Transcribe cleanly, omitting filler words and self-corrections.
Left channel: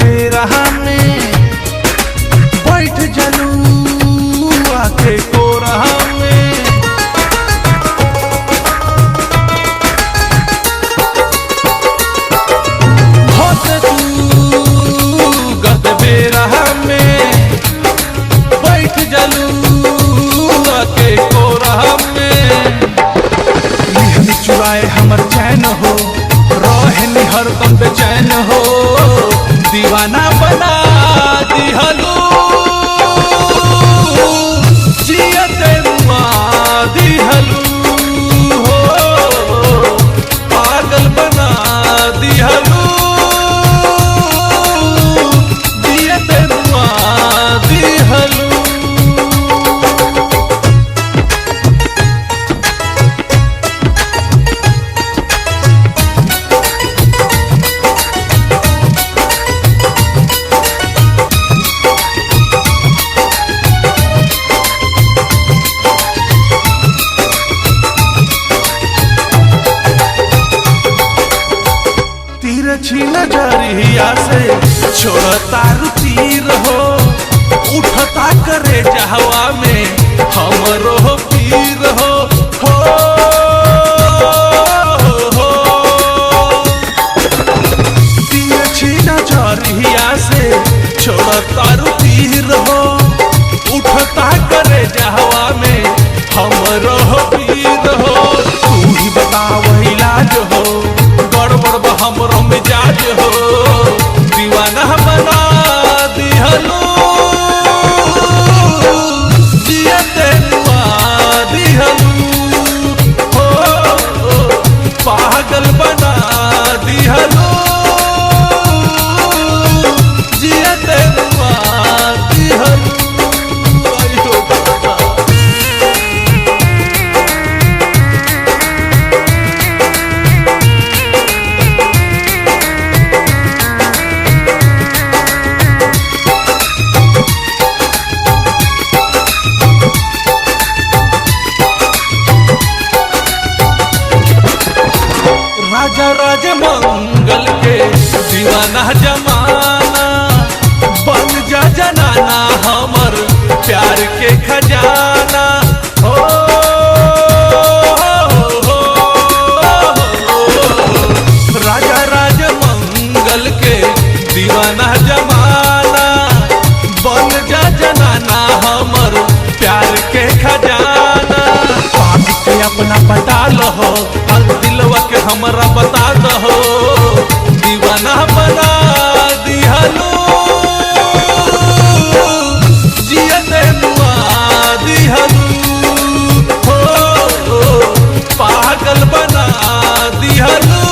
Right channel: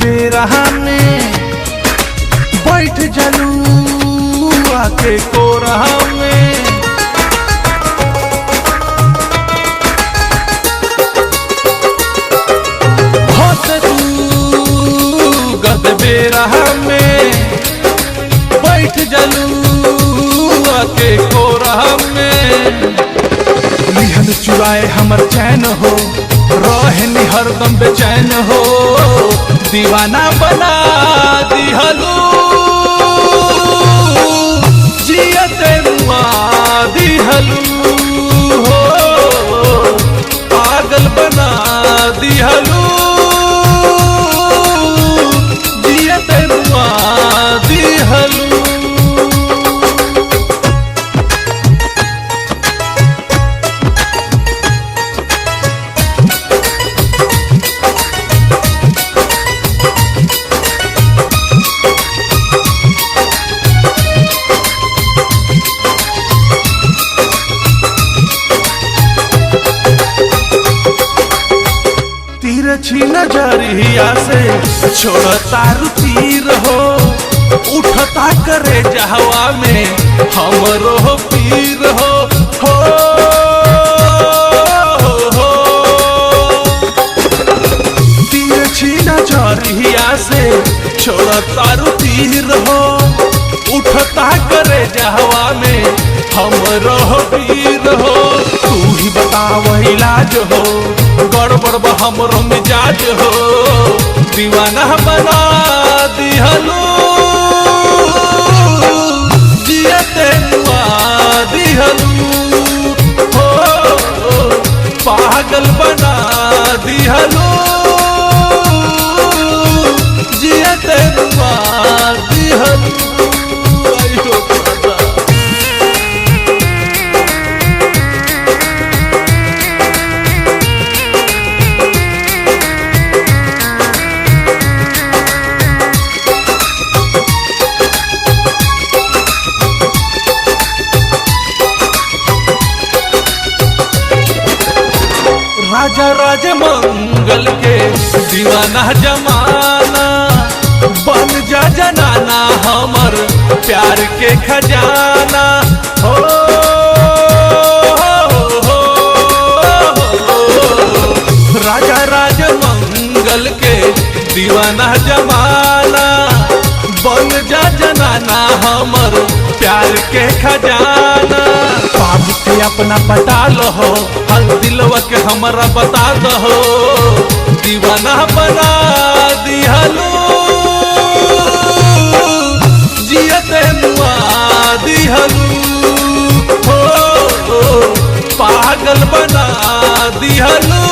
बेरा में बैठ जलू आके कोरा में। होते तू गद बेरा में बैठ जलू आके कोरा में। लिहन चुराए हमर चैन हो रहनी हरदम बेचैन हो। दीवाना बना दिहलू जियते मुआ दिहलू हो। पागल बना दिहलू जियते मुआ दिहलू। तिरछी नजरिया से छोड़ता रुतीर हो। उठता करे जहवा में हमरो पीर हो। तिरछी नजरिया से छोड़ता रुतीर हो। उठता करे जहवा में हमरो पीर हो। तू ही बताव इलाज हो गड़बड़ बा हमरो मिजाज हो। दीवाना बना दिहलू जियते मुआ दिहलू हो। पागल बना दिहलू जियते मुआ दिहलू। आयो बाबा राजा राज मंगल के दीवाना जमाना बन जा जनाना हमर प्यार के खजाना हो। राजा राज मंगल के दीवाना जमाना बन जा जनाना हमर प्यार के खजाना। पाप के अपना पटा लो हल दिलवा के हमरा बता दो। दीवाना बना दिहलू जियते मुआ दिहलू हो। पागल बना दिहलू